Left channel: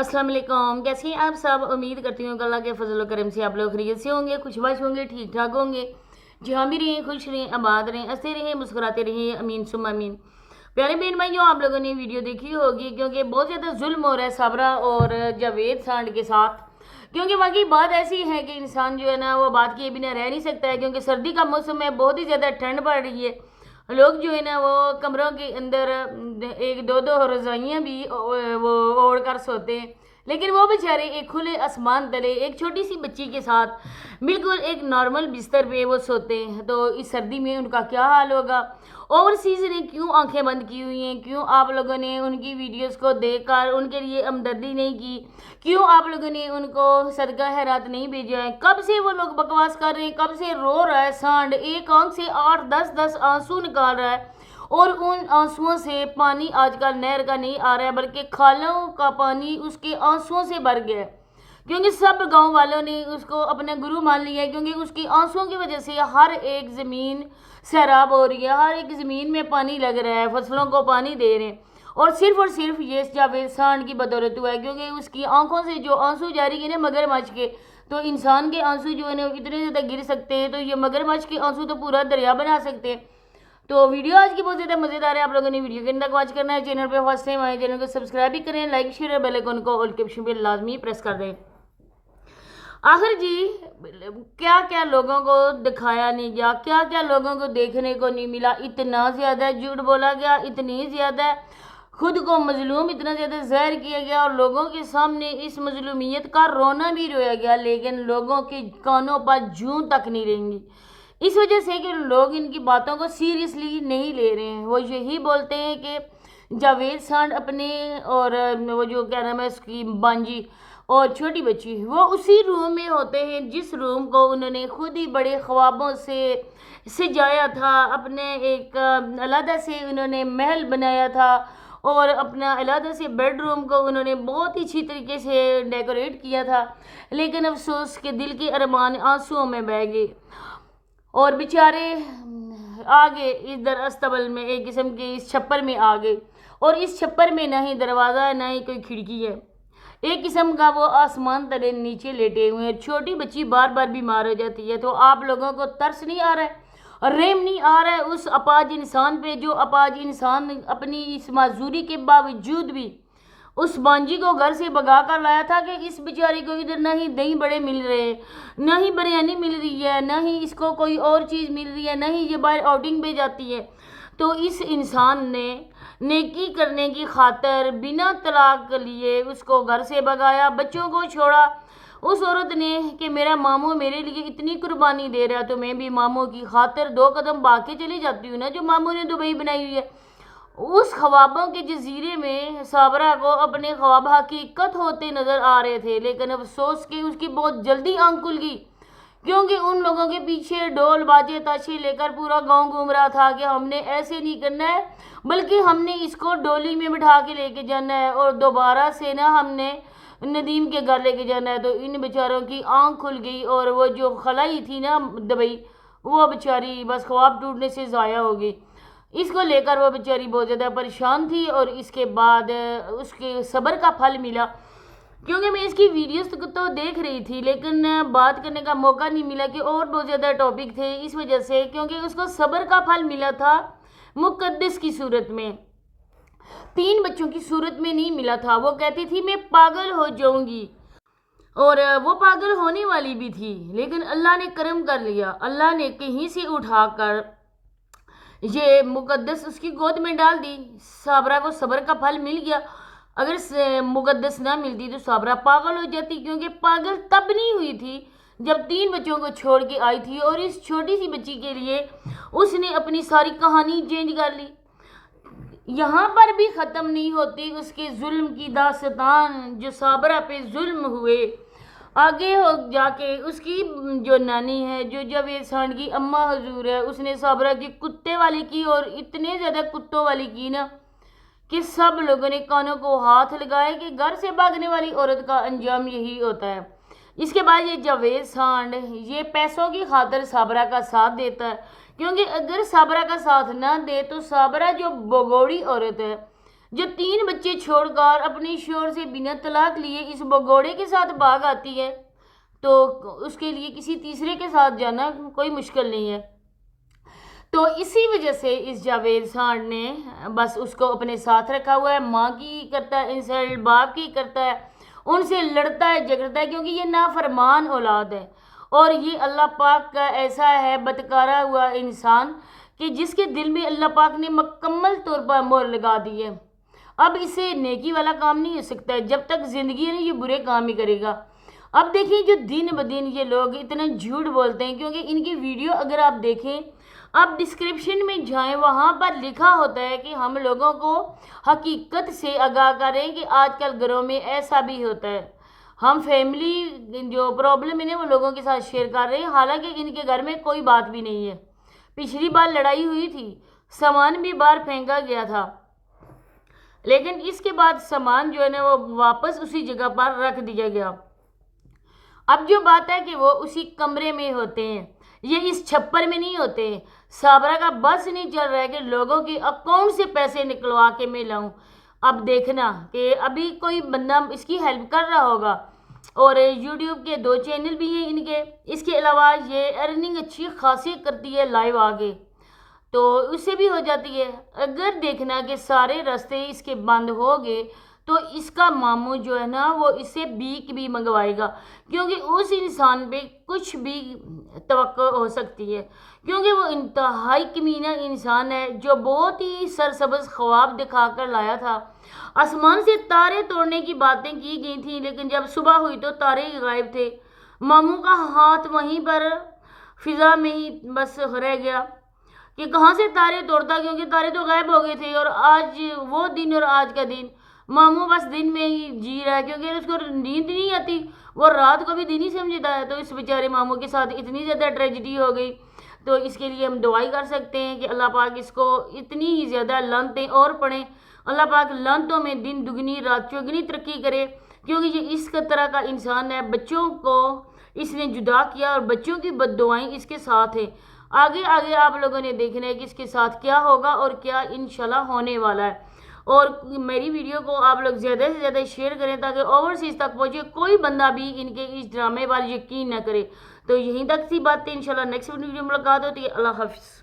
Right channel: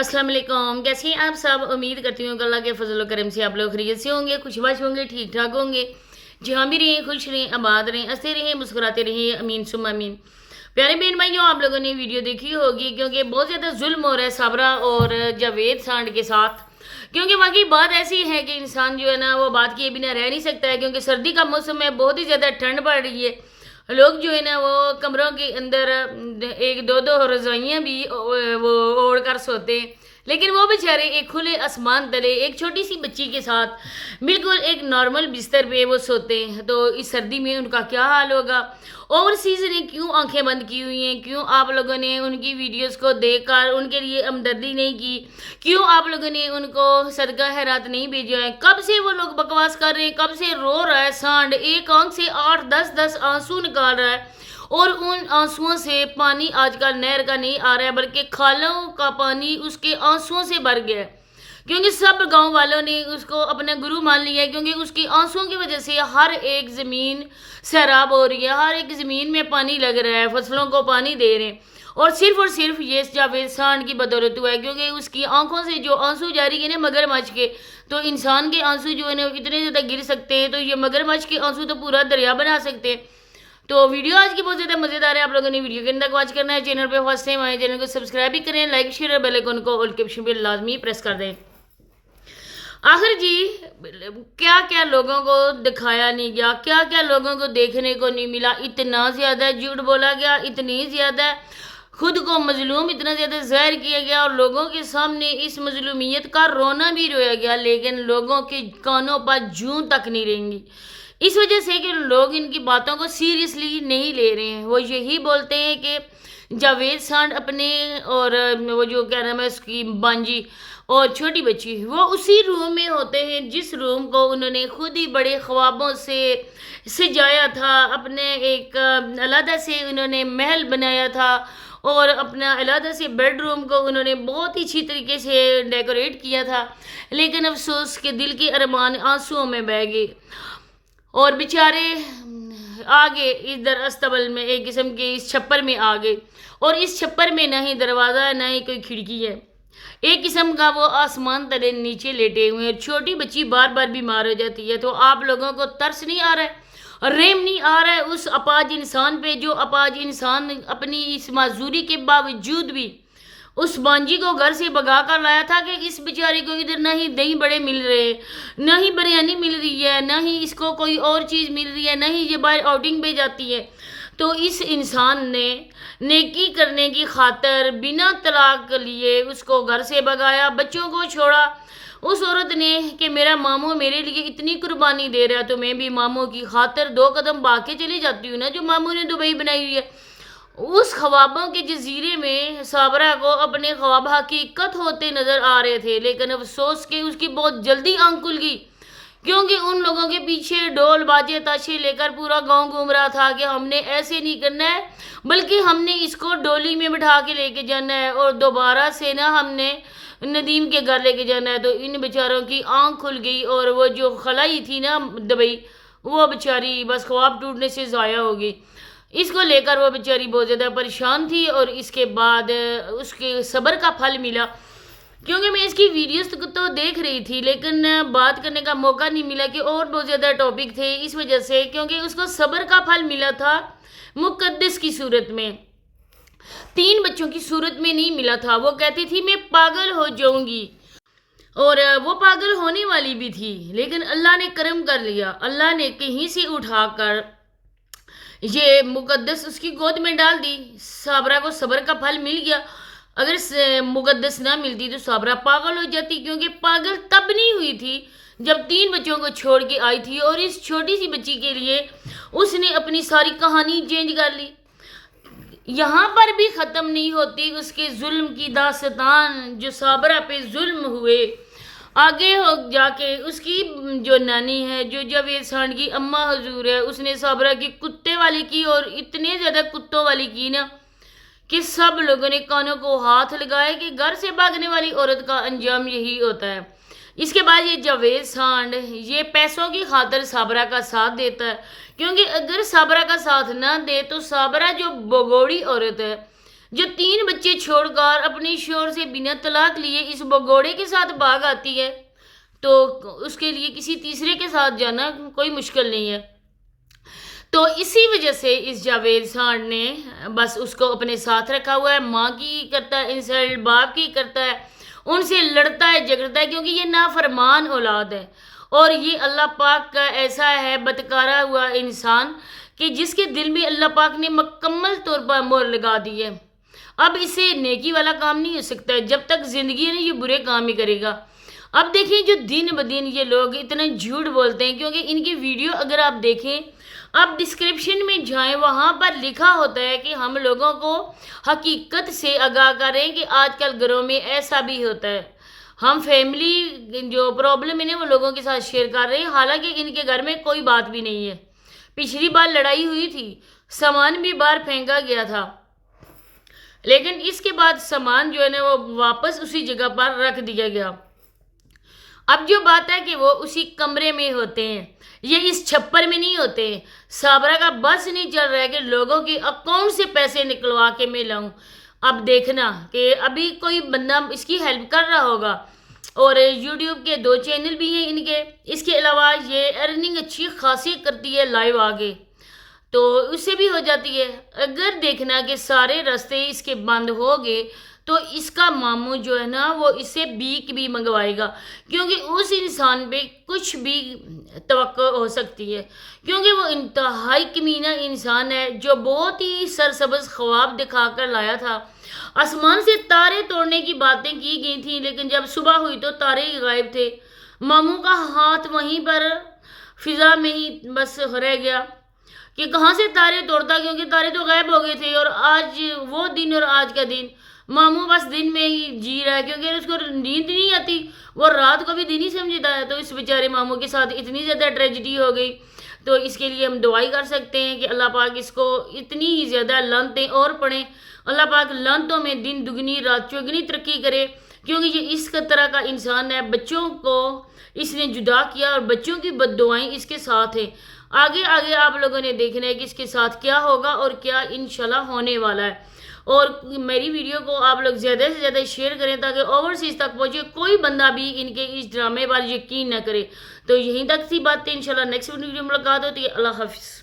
अस्सलाम वालेकुम। कैसे हैं आप सब? उम्मीद करती हूँ कि अल्लाह के फजल करम से आप लोग खैरियत से होंगे, खुशबाश होंगे, ठीक ठाक होंगे। जहाँ भी रहें खुश रहें, आबाद रहें, हंसते रहें, मुस्कुराते रहें। अमीन सुम अमीन। प्यारे बहन भाइयों, आप लोगों ने वीडियो देखी होगी क्योंकि बहुत ज़्यादा जुल्म हो रहा है साबरा और जावेद सांड के साथ। क्योंकि वाकई बात ऐसी है कि इंसान जो है ना वो बात किए बिना रह नहीं सकता है, क्योंकि सर्दी का मौसम है, बहुत ही ज़्यादा ठंड पड़ रही है। लोग जो है ना वो कमरों के अंदर एक दो दो रज़ाइयाँ भी वो ओढ़ कर सोते हैं, लेकिन वो बेचारे एक खुले आसमान तले एक छोटी सी बच्ची के साथ बिल्कुल एक नॉर्मल बिस्तर पे वो सोते हैं। तो इस सर्दी में उनका क्या हाल होगा? ओवरसीज़ ने क्यों आंखें बंद की हुई हैं? क्यों आप लोगों ने उनकी वीडियोस को देखकर उनके लिए हमदर्दी नहीं की? क्यों आप लोगों ने उनको सदका खैरात नहीं भेजा है? कब से वो लोग बकवास कर रहे हैं, कब से रो रहा है सांड, एक आंख से 8-10 आंसू निकाल रहा है और उन आंसुओं से पानी आजकल नहर का नहीं आ रहा है बल्कि खालों का पानी उसके आंसुओं से भर गया है। क्योंकि सब गांव वालों ने उसको अपना गुरु मान लिया है, क्योंकि उसकी आंसुओं की वजह से हर एक ज़मीन सैराब हो रही है, हर एक ज़मीन में पानी लग रहा है, फसलों को पानी दे रहे हैं। और सिर्फ ये जावेद सांड की बदौलत हुआ है, क्योंकि उसकी आंखों से जो आंसू जारी है ना मगरमच्छ के, तो इंसान के आंसू जो है ना इतने ज़्यादा गिर सकते हैं, तो ये मगरमच्छ के आंसू तो पूरा दरिया बना सकते हैं। तो वीडियो आज की बहुत ज़्यादा मज़ेदार है। आप लोगों ने वीडियो के अंदर वॉच करना है। चैनल पे फर्स्ट टाइम आए, चैनल को सब्सक्राइब भी करें, लाइक शेयर और बेल आइकन को ऑल के ऑप्शन पे लाजमी प्रेस कर दें। आखिर जी क्या क्या लोगों को दिखाया नहीं गया, क्या क्या लोगों को देखने को नहीं मिला। इतना ज़्यादा झूठ बोला गया, इतनी ज़्यादा खुद को मजलूम इतना ज़्यादा ज़ाहिर किया गया और लोगों के सामने इस मजलूमियत का रोना भी रोया गया, लेकिन लोगों के कानों पर जूं तक नहीं रहेंगी। इस वजह से कि लोग इनकी बातों को सीरियसली नहीं ले रहे हैं। वो यही बोलते हैं कि जावेद सांड अपने और वो जो क्या नाम है उसकी बांजी और छोटी बच्ची, वो उसी रूम में होते हैं जिस रूम को उन्होंने खुद ही बड़े ख्वाबों से सजाया था। अपने एक अलग से उन्होंने महल बनाया था और अपना अलग से बेडरूम को उन्होंने बहुत ही अच्छी तरीके से डेकोरेट किया था, लेकिन अफसोस के दिल के अरमान आंसुओं में बह गए और बेचारे आगे इधर अस्तबल में एक किस्म के इस छप्पर में आ गए। और इस छप्पर में ना ही दरवाज़ा है ना ही कोई खिड़की है, एक किस्म का वो आसमान तले नीचे लेटे हुए हैं। छोटी बच्ची बार बार बीमार हो जाती है, तो आप लोगों को तरस नहीं आ रहा है, रेम नहीं आ रहा है उस अपाज इंसान पे, जो अपाज इंसान अपनी इस माजूरी के बावजूद भी उस बांजी को घर से भगा कर लाया था कि इस बेचारी को इधर ना ही दही बड़े मिल रहे, ना ही बिरयानी मिल रही है, ना ही इसको कोई और चीज़ मिल रही है, ना ही ये बाहर आउटिंग पे जाती है। तो इस इंसान ने नेकी करने की खातर बिना तलाक लिए उसको घर से भगाया, बच्चों को छोड़ा। उस औरत ने कि मेरा मामू मेरे लिए इतनी कुर्बानी दे रहा है तो मैं भी मामू की खातर 2 कदम भाग के चली जाती हूँ ना, जो मामू ने दुबई बनाई हुई है। उस ख्वाबों के जजीरे में साबरा को अपने ख्वाब हकीकत होते नज़र आ रहे थे, लेकिन अफसोस कि उसकी बहुत जल्दी आंख खुल गई, क्योंकि उन लोगों के पीछे ढोल बाजे ताशे लेकर पूरा गांव घूम रहा था कि हमने ऐसे नहीं करना है, बल्कि हमने इसको डोली में बिठा के लेके जाना है और दोबारा से ना हमने नदीम के घर लेके जाना है। तो इन बेचारों की आंख खुल गई और वो जो खलाई थी ना दुबई, वो बेचारी बस ख्वाब टूटने से ज़ाया हो गई। इसको लेकर वो बेचारी बहुत ज़्यादा परेशान थी और इसके बाद उसके सब्र का फल मिला, क्योंकि मैं इसकी वीडियोस तो देख रही थी लेकिन बात करने का मौका नहीं मिला कि और बहुत ज़्यादा टॉपिक थे, इस वजह से क्योंकि उसको सब्र का फल मिला था मुकद्दस की सूरत में, 3 बच्चों की सूरत में नहीं मिला था। वो कहती थी मैं पागल हो जाऊंगी और वो पागल होने वाली भी थी, लेकिन अल्लाह ने करम कर लिया, अल्लाह ने कहीं से उठाकर ये मुकद्दस उसकी गोद में डाल दी। साबरा को सब्र का फल मिल गया। अगर मुकद्दस ना मिलती तो साबरा पागल हो जाती, क्योंकि पागल तब नहीं हुई थी जब 3 बच्चों को छोड़ के आई थी और इस छोटी सी बच्ची के लिए उसने अपनी सारी कहानी चेंज कर ली। यहाँ पर भी ख़त्म नहीं होती उसके जुल्म की दास्तान, जो साबरा पे जुल्म हुए। आगे हो जाके उसकी जो नानी है, जो जावेद सांड की अम्मा हजूर है, उसने साबरा की कुत्ते वाली की और इतने ज़्यादा कुत्तों वाली की ना कि सब लोगों ने कानों को हाथ लगाए कि घर से भागने वाली औरत का अंजाम यही होता है। इसके बाद ये जावेद सांड ये पैसों की खातर साबरा का साथ देता है, क्योंकि अगर साबरा का साथ ना दे तो साबरा जो बगोड़ी औरत है جو 3 بچے چھوڑ کر اپنے شوہر سے بنا طلاق لیے اس بگوڑے کے ساتھ بھاگ آتی ہے، تو اس کے لیے کسی تیسرے کے ساتھ جانا کوئی مشکل نہیں ہے۔ تو اسی وجہ سے اس جاوید سانڈ نے بس اس کو اپنے ساتھ رکھا ہوا ہے، ماں کی کرتا ہے انسلٹ، باپ کی کرتا ہے، ان سے لڑتا ہے جھگڑتا ہے، کیونکہ یہ نافرمان اولاد ہے، اور یہ اللہ پاک کا ایسا ہے بدکارا ہوا انسان کہ جس کے دل میں اللہ پاک نے مکمل طور پر مہر لگا دی ہے۔ اب اسے نیکی والا کام نہیں ہو سکتا ہے، جب تک زندگی ہے یہ برے کام ہی کرے گا۔ اب دیکھیں جو دن بدن یہ لوگ اتنا جھوٹ بولتے ہیں، کیونکہ ان کی ویڈیو اگر آپ دیکھیں، آپ ڈسکرپشن میں جائیں، وہاں پر لکھا ہوتا ہے کہ ہم لوگوں کو حقیقت سے آگاہ کریں کہ آج کل گھروں میں ایسا بھی ہوتا ہے۔ ہم فیملی جو پرابلم ہے وہ لوگوں کے ساتھ شیئر کر رہے ہیں، حالانکہ ان کے گھر میں کوئی بات بھی نہیں ہے۔ پچھلی بار لڑائی ہوئی تھی، سامان بھی باہر پھینکا گیا تھا، لیکن اس کے بعد سامان جو ہے نا وہ واپس اسی جگہ پر رکھ دیا گیا۔ اب جو بات ہے کہ وہ اسی کمرے میں ہوتے ہیں، یہ اس چھپر میں نہیں ہوتے ہیں۔ صابرہ کا بس نہیں چل رہا ہے کہ لوگوں کے اکاؤنٹ سے پیسے نکلوا کے میں لاؤں۔ اب دیکھنا کہ ابھی کوئی بندہ اس کی ہیلپ کر رہا ہوگا، اور یوٹیوب کے 2 چینل بھی ہیں ان کے، اس کے علاوہ یہ ارننگ اچھی خاصی کرتی ہے لائیو آگے، تو اس سے بھی ہو جاتی ہے۔ اگر دیکھنا کہ سارے راستے اس کے بند ہو گئے تو اس کا ماموں جو ہے نا وہ اس سے بیک بھی منگوائے گا، کیونکہ اس انسان پہ کچھ بھی توقع ہو سکتی ہے، کیونکہ وہ انتہائی کمینہ انسان ہے جو بہت ہی سرسبز خواب دکھا کر لایا تھا۔ آسمان سے تارے توڑنے کی باتیں کی گئی تھیں، لیکن جب صبح ہوئی تو تارے ہی غائب تھے۔ ماموں کا ہاتھ وہیں پر فضا میں ہی بس رہ گیا کہ کہاں سے تارے توڑتا، کیونکہ تارے تو غائب ہو گئے تھے۔ اور آج وہ دن اور آج کا دن ماموں بس دن میں ہی جی رہا ہے، کیونکہ اس کو نیند نہیں آتی، وہ رات کو بھی دن ہی سمجھتا ہے۔ تو اس بیچارے ماموں کے ساتھ اتنی زیادہ ٹریجڈی ہو گئی، تو اس کے لیے ہم دعائی کر سکتے ہیں کہ اللہ پاک اس کو اتنی ہی زیادہ لعنتیں اور پڑھیں، اللہ پاک لعنتوں میں دن دگنی رات چوگنی ترقی کرے، کیونکہ یہ اس طرح کا انسان ہے۔ بچوں کو اس نے جدا کیا اور بچوں کی بد دعائیں اس کے ساتھ ہیں۔ آگے آگے آپ لوگوں نے دیکھنا ہے کہ اس کے ساتھ کیا ہوگا اور کیا انشاءاللہ ہونے والا ہے۔ اور میری ویڈیو کو آپ لوگ زیادہ سے زیادہ شیئر کریں تاکہ اوورسیز تک پہنچے، کوئی بندہ بھی ان کے اس ڈرامے پر یقین نہ کرے۔ تو یہیں تک سی بات ہے، انشاءاللہ نیکسٹ ویڈیو میں ملاقات ہوتی ہے۔ اللہ حافظ۔